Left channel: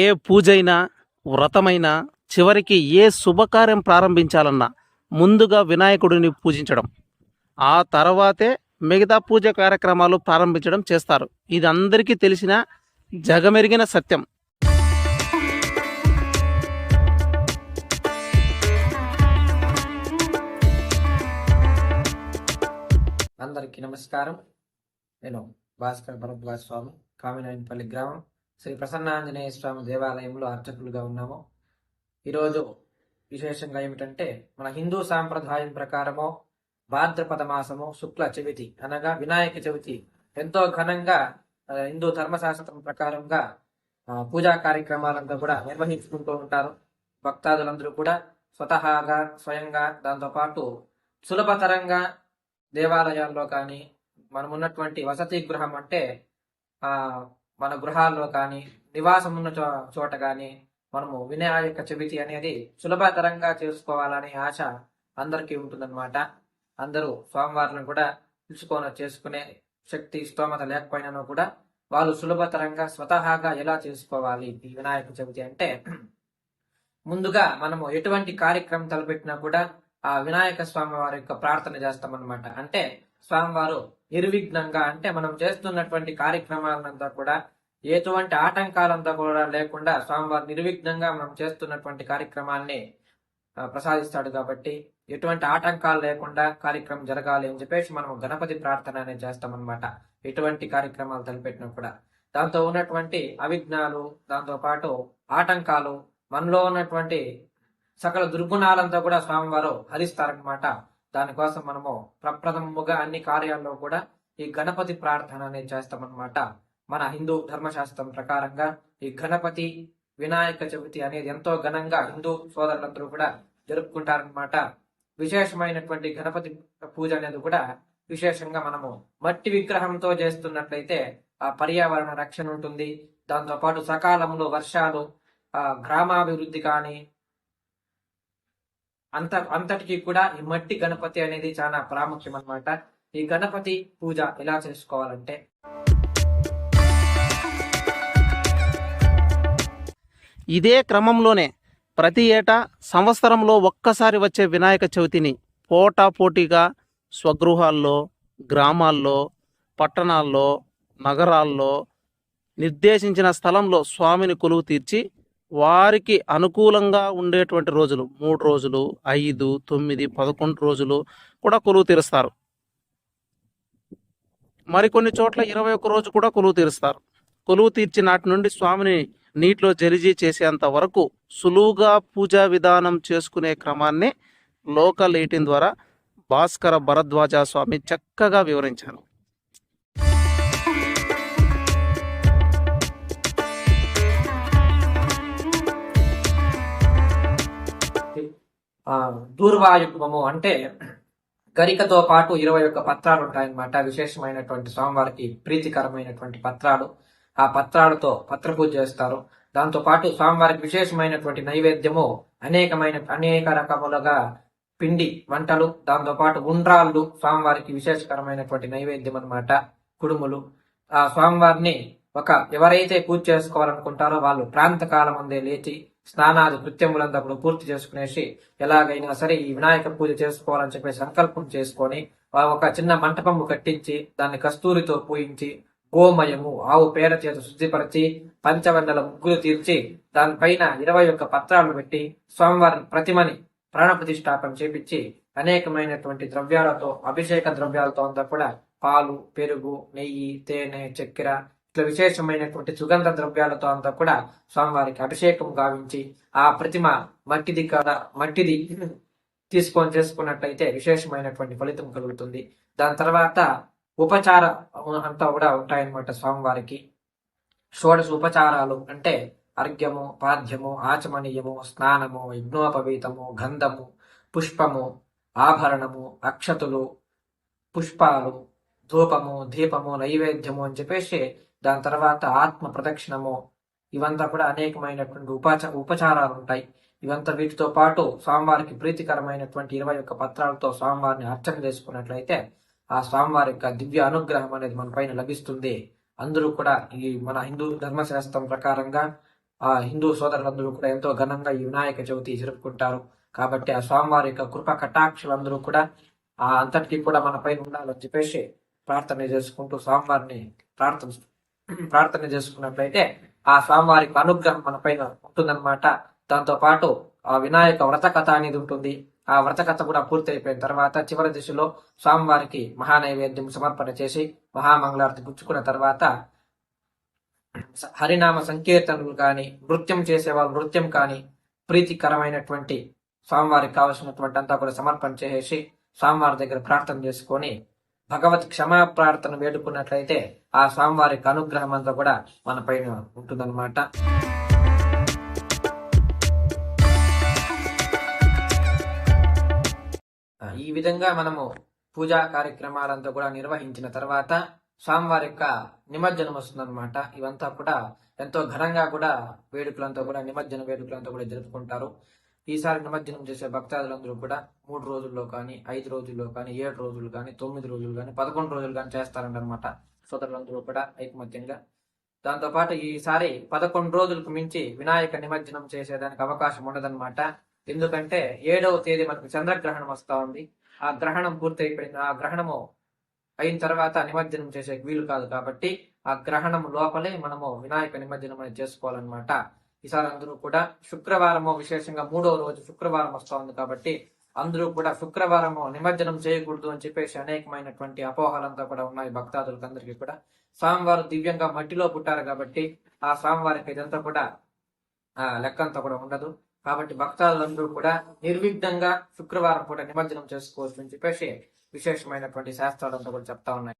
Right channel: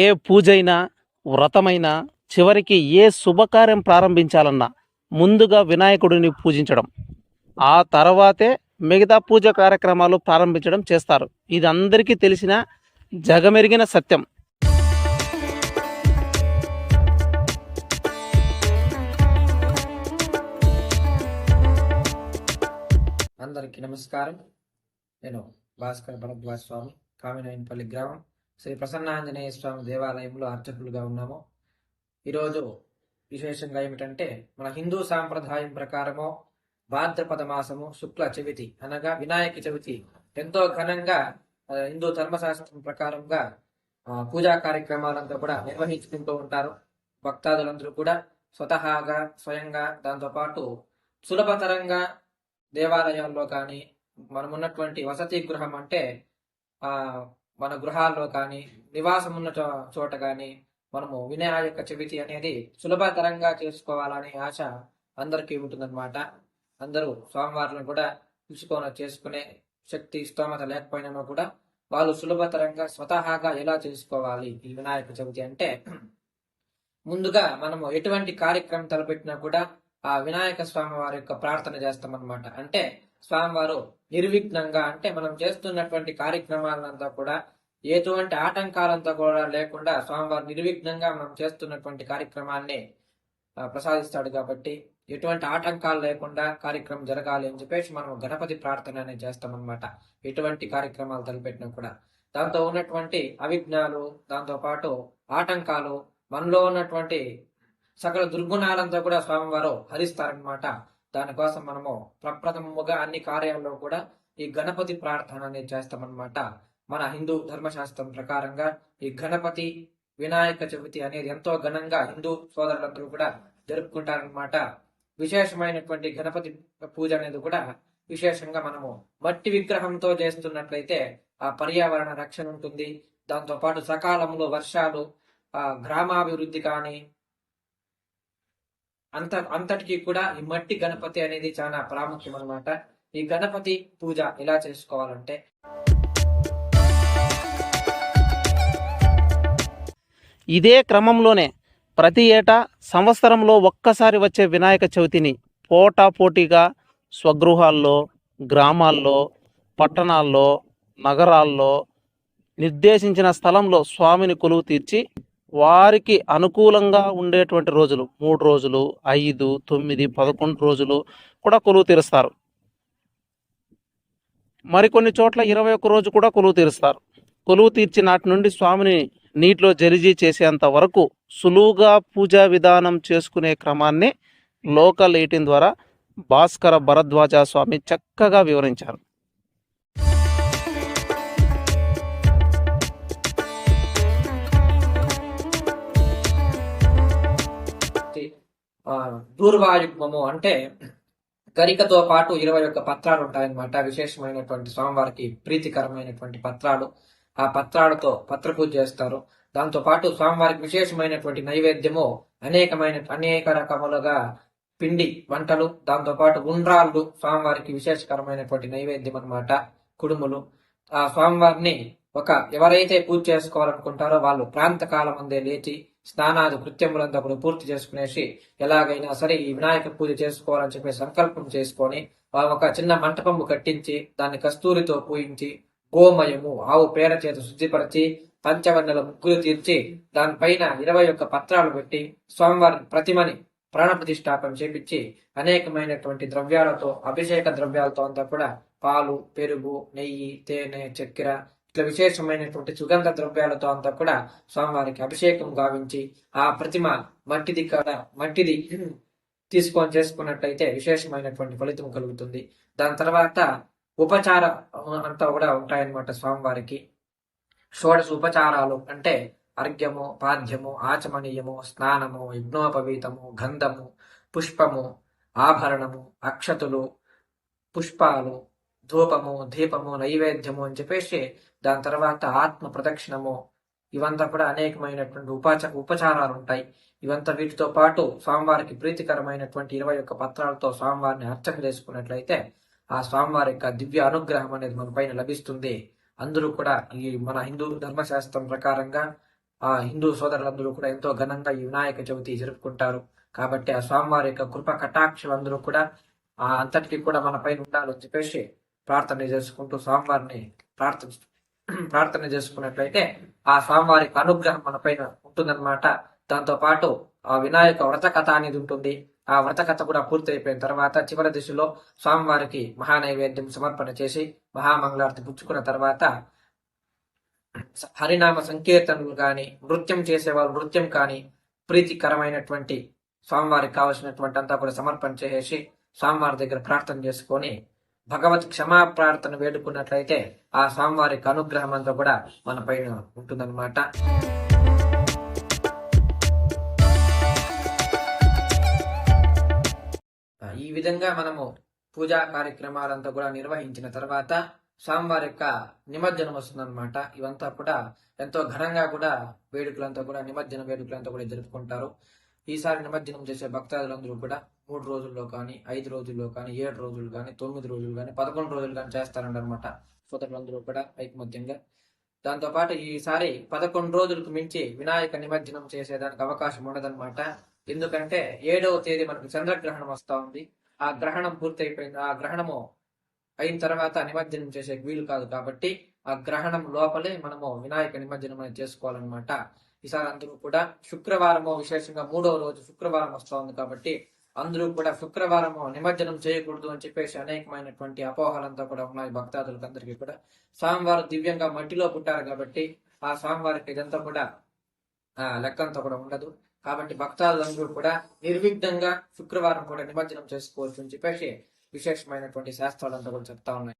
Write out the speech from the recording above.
ఏ పూజైనా వ్రతమైనా చివరికి ఏ శుభకార్యం ప్రారంభించాలన్నా ముందుగా వినాయకుడిని పూజించడం. ఆ తర్వాతే మిగతా పూజ కార్యక్రమాలు ప్రారంభించడం చేస్తారు. ఇది అందరికీ తెలిసిన జగమెరిగిన సత్యం. అందరికీ నమస్కారం. నేను భాస్కర్ భరద్వాజ్ స్వామి కామినాయనపల్లి గ్రామం. శ్రీ ప్రసన్నాంజనేయ స్వామి దేవాలయంలో అర్చకులుగా ఉన్నాము. ఈరోజు విశేషంగా ఏమిటంటే మన హిందూ సాంప్రదాయం ప్రకారము భాద్రపద మాసము శుక్ల చవితి అనగా వినాయక చవితి ఎంతో ఘనంగా హిందూ ధర్మశాస్త్రం ప్రకారంగా పూజా కార్యక్రమాలంతా కూడా నిర్వహించుకుంటూ ఉంటారు. భక్తాదులందరూ కూడా స్వతహాగా స్వయంగా దాంతోపాటు సులభతరంగా దేవాలయాల్లో కానీ మనమున్నటువంటి వసతి గృహం అంటే ఆ మన గృహాల్లో కానీ నివాసం ఉన్న చో చోట కానీ మనము వినాయక చవితి అనేది సులభతరంగా చేసుకోవాలనే ఆశ అందరికీ ఉంటుందన్నమాట. అందరూ స్వామివారిని కూడా పిలుచుకొని చేసుకునే శక్తి స్తోమత లేకపోయినా కూడా వాళ్ళు సులభతరంగా స్వతహాగా ఎలా చేసుకోవాలి ఈ వినాయక చవితి అంటే ముందుగా మనము ఎటువంటి కార్యక్రమం తలపెట్టినా కూడా ఆ వినాయక స్వామి వారి యొక్క ప్రార్థన చేస్తామన్నమాట. అంటే స్వామివారు నిర్విఘ్నంగా అంటే మనం చేస్తున్నటువంటి కార్యక్రమాలంతా కూడా ఎటువంటి ఆటంకాలంతా కూడా లేకుండా స్వామివారు నిర్విఘ్నంగా మనం చేస్తున్నటువంటి కార్యక్రమాల్ని ప్రసాదిస్తాడు కాబట్టి ఎటువంటి ఆటంకాలు లేకుండా కార్యక్రమం జరగాలి అని చెప్పేసి మనం గణపతి ప్రార్థన అనేది చేస్తామన్నమాట. ఎటువంటి కార్యక్రమాలు తలపెట్టినా కూడా. దాంతో ఉన్నటువంటి అవిఘ్నాలు దాంతో పాటు ఆటంకాలు మనలో ఉన్నటువంటి సకల దుర్గుణాలంతా కూడా స్వామివారు హరిస్తారనమాట దానికోసం మనము ప్రప్రథముగా అన్ని కార్యాల్లో కూడా ఈ గణపతి ప్రార్థన అనేది చేస్తామన్నమాట. మన హిందూ ధర్మశాస్త్రం ప్రకారంగా ఈ గణపతి వినాయక చవితి అనేది ఎంతో ఘనంగా హిందూ సోదరులందరూ కూడా జరుపుకుంటారనమాట విశేషమైనటువంటి గణపతి పూజ అనేది కూడా విశేషంగా మనము మట్టి విగ్రహంతో చేస్తున్నట్లయితే ఆ పర్యావరణ రక్షణ ఉంటుంది. దాంతో పాటు సకాలంలో వర్షాలు ఆ గ్రామాభివృద్ధి కానీ అంత అంతటికి కూడా ఈ మట్టి గణపతి అనేది చాలా ప్రాముఖ్యం అనమాట ఈ గణపతి పూజ ఎలా చేసుకోవాలంటే ఇదే క్రమంలోనే ప్రతి ఏటా సంవత్సరంలో ఒక్కసారి వచ్చే వినాయక చవితిని పోటాపోటీగా స్వగృహాల్లో గ్రామాల్లో పట్టణాల్లో నగరాల్లో నిర్దేశించిన స్థలంలో స్వామిని కొలువు తీర్చి వారికి అనుకూలంగా ఉండేటువంటి రోజులు. మూడు రోజులు ఐదు తొమ్మిది పదకొండు రోజులు కూడా కొలువు తీరుస్తారు. మరికొన్ని చోట్ల ఇరవై ఒక్క రోజు కూడా కొలువు తీరుస్తారు. కొలువు తీర్చి నాటి నుండి స్వామిని నీటిలో జలిజీ చేసేంత వరకు సులువుగా పూజా విధానం చేసుకునే క్రమాన్ని లోకల్ ఎయిటీన్ ద్వారా భాస్కర భరద్వాజ స్వామి చక్కగా వివరించారు. ఆ దూర్వాయుగ్మము అంటే గరికతో పాటు ఇరవై ఒక్క పత్రాలు ఉంటాయన్నమాట. విశేషమైనటువంటి స్వామివారికి ప్రీతికరమైనటువంటి పత్రాలు. ఆ పత్రాలతో పత్ర పూజ చేస్తారు. దాంతో పాటు స్వామివారికి విశేషమైనటువంటి నైవేద్యము అనేకమైన అనేక రకములుగా పిండి వంటలు దాంతో పాటు ఉండ్రాళ్ళు స్వామివారికి విశేషకరమైనటువంటి నైవేద్యం అన్నమాట. కుడుములు. ఆ స్వామివారిని ఒక ఎవరైతే పూజ చేసుకోవాలనుకుంటారో వాళ్ళు ప్రాంత కాలం అందే లేచి స్నానాది కృత్యములంతా పూర్తి చేసుకునేసి ఎలాగైనా సరే ఈ వినాయక పూజ చేసుకోవాలని చెప్పి సంకల్పం చేసుకొని ఒక చిన్న మంటపము కట్టించి దాన్ని కస్తూరితో పూయించి గోమయము ఆవు పేడ చేత శుద్ధిపరిచి పంచవందల ముగ్గులు తీర్చి దానిపైన ఇరవై ఒక్క పత్రాలు పెట్టి స్వామివారి ప్రతిమని ప్రాణప్రతిష్టాపన చేపించి అనేకమైనటువంటి ద్రవ్యాలతో అభిషేక ద్రవ్యాలతో అంతా కూడా పాలు పెరుగు నెయ్యి తేనె చక్కెర ఇట్లా విశేషమైనటువంటి సుగంధ ద్రవ్యాలతో అంతా కూడా స్వామివారికి అభిషేకం గావించి ఆ ప్రతిమ మట్టిది కాదా మట్టిది తీసుకొని చేసుకున్నట్లయితే విశేషమైనటువంటి ఫలితం కలుగుతుంది. దాని తర్వాత ఉపచార అంతా కూడా ఉంటాయన్నమాట స్వామివారికి. షోడశ ఉపచారాలు అంటే అర్ఘ్యము పాద్యము ఆచమనీయము స్నానము యజ్ఞోపవీతము గంధము పుష్పము ఆభరణము అక్షతులు పుష్పాలు ధూపము దీపము నైవేద్యము అని చెప్పేసి దాని తర్వాత ఆత్మ ప్రదక్షిణము ఇవంతా కూడా అనేకమైనటువంటి ఉపచ ఉపచారాలు ఉంటాయి ఇవంతా వీటితో పాటు స్వామివారికి ప్రీతికరమైనటువంటి ఇరవై ఒక్క పత్రాలతో స్వామివారిని అర్చన చేసుకున్నట్లయితే ఆ స్వామివారి యొక్క దివ్య అనుగ్రహం అనేది మన పైన లభిస్తుంది. అందరూ కూడా ఈ మన హిందూ ధర్మశాస్త్రం ప్రకారంగా ఆ హిందూ సోదరులందరూ కూడా ఎంతో ఘనంగా ఈ వినాయక చవితి జరుపుకుంటారు. కాబట్టి ఆ స్వామివారి యొక్క కృప కటాక్షలందరూ కూడా ఆ అంతటికీ కూడా మన పైన ఉండాలని చెప్పేసి ప్రార్థన చేసుకుంటూ స్వామివారిని ప్రార్థన ప్రార్థన చేసుకున్నట్లయితే ఆ స్వామివారికి అనుగ్రహం మన పైన ఉంటుందన్నమాట. దాంతో పాటు ఆ వినాయక వ్రత కథ అనేది ఉంటుంది. ఆ వ్రత కథ కూడా పూర్తయిపోయిన తర్వాత చివరి దిశలో స్వామివారికి మహానైవేద్యం సమర్పణ చేసి మహామంగళారతి పుచ్చుకున్న తర్వాత హరినామ సంకీర్తనలు కానీ నృత్యం చేసేవాళ్ళు నృత్యం కానీ ప్రీతికరమైనటువంటి స్వామివారికి కావలసినటువంటి అంతా కూడా సమర్పణ చేసేసి స్వామివారి దగ్గర ప్రార్థన చేసుకొని భగవత్ క్షమా ప్రార్థన వేడుకున్నట్లయితే ఆ స్వామివారికి అనుగ్రహం అంతా కూడా మన పైన ఉంటుందన్నమాట. ఈ విధంగా మనము పూజా కార్యక్రమాలంతా కూడా నిర్వహించిన తర్వాత స్వామివారి యొక్క నిమజ్జనం వస్తుందన్నమాట. ఇవంతా కూడా ఎంతో ఘనంగా కూడా వేడుకలంతా కూడా నిమజ్జన వేడుకలంతా కూడా జరుపుకుంటారు. ఈసారి నిమజ్జనం చేసే భక్తాదులందరూ కూడా మూడు రోజుల్లో కానీ ఐదు రోజుల్లో కానీ ఏడు రోజులు కానీ తొమ్మిది రోజులు కానీ పదకొండు రోజులు కానీ చేస్తారంటన్నమాట సోదరులందరూ కూడా ఐకమత్యంగా. దాంతోపాటు ఈసారి పదకొండు రోజులకు మించి వినాయక నిమజ్జనం చేసేదానికి అవకాశం ఉండదన్నమాట. ఎందుకంటే ఏడవ తేదీ మనకు చంద్రగ్రహణం వస్తా ఉంది. ఆ గ్రహణం పూర్తయిపోయింది. ఆ గ్రహణము అయిన తర్వాత నిమజ్జనం చేసే వీలు కాదు కాబట్టి ఆ గ్రహణం లోపలే మనము వినాయక నిమజ్జనం అనేది చేసుకోవాలన్నమాట. ఈసారి అందరూ కూడా శుక్రవారము విశేషంగా మూడో రోజు శుక్రవారం వస్తోంది కాబట్టి అందరూ కూడా శుక్రవారము నిమజ్జనం చేయకూడదు అని చెప్పేసి అనేకమైనటువంటి అపోహలంతా కూడా ఉన్నాయి భక్తాదులకు అందరికీ కూడా. స్వామివారు దివ్యంగా మట్టిలో పుట్టారు కాబట్టి ఆ స్వామివారికి ఇదంతా కూడా ఆ లెక్కంతా కూడా ఉండదు. కాబట్టి భక్తాదులందరూ కూడా నిర్విఘ్నంగా శుక్రవారం కూడా నిమజ్జనం చేసుకోవచ్చు అని చెప్పేసి విశేషమైనటువంటి శాస్త్రాలంతా కూడా చెప్తా ఉన్నాయి.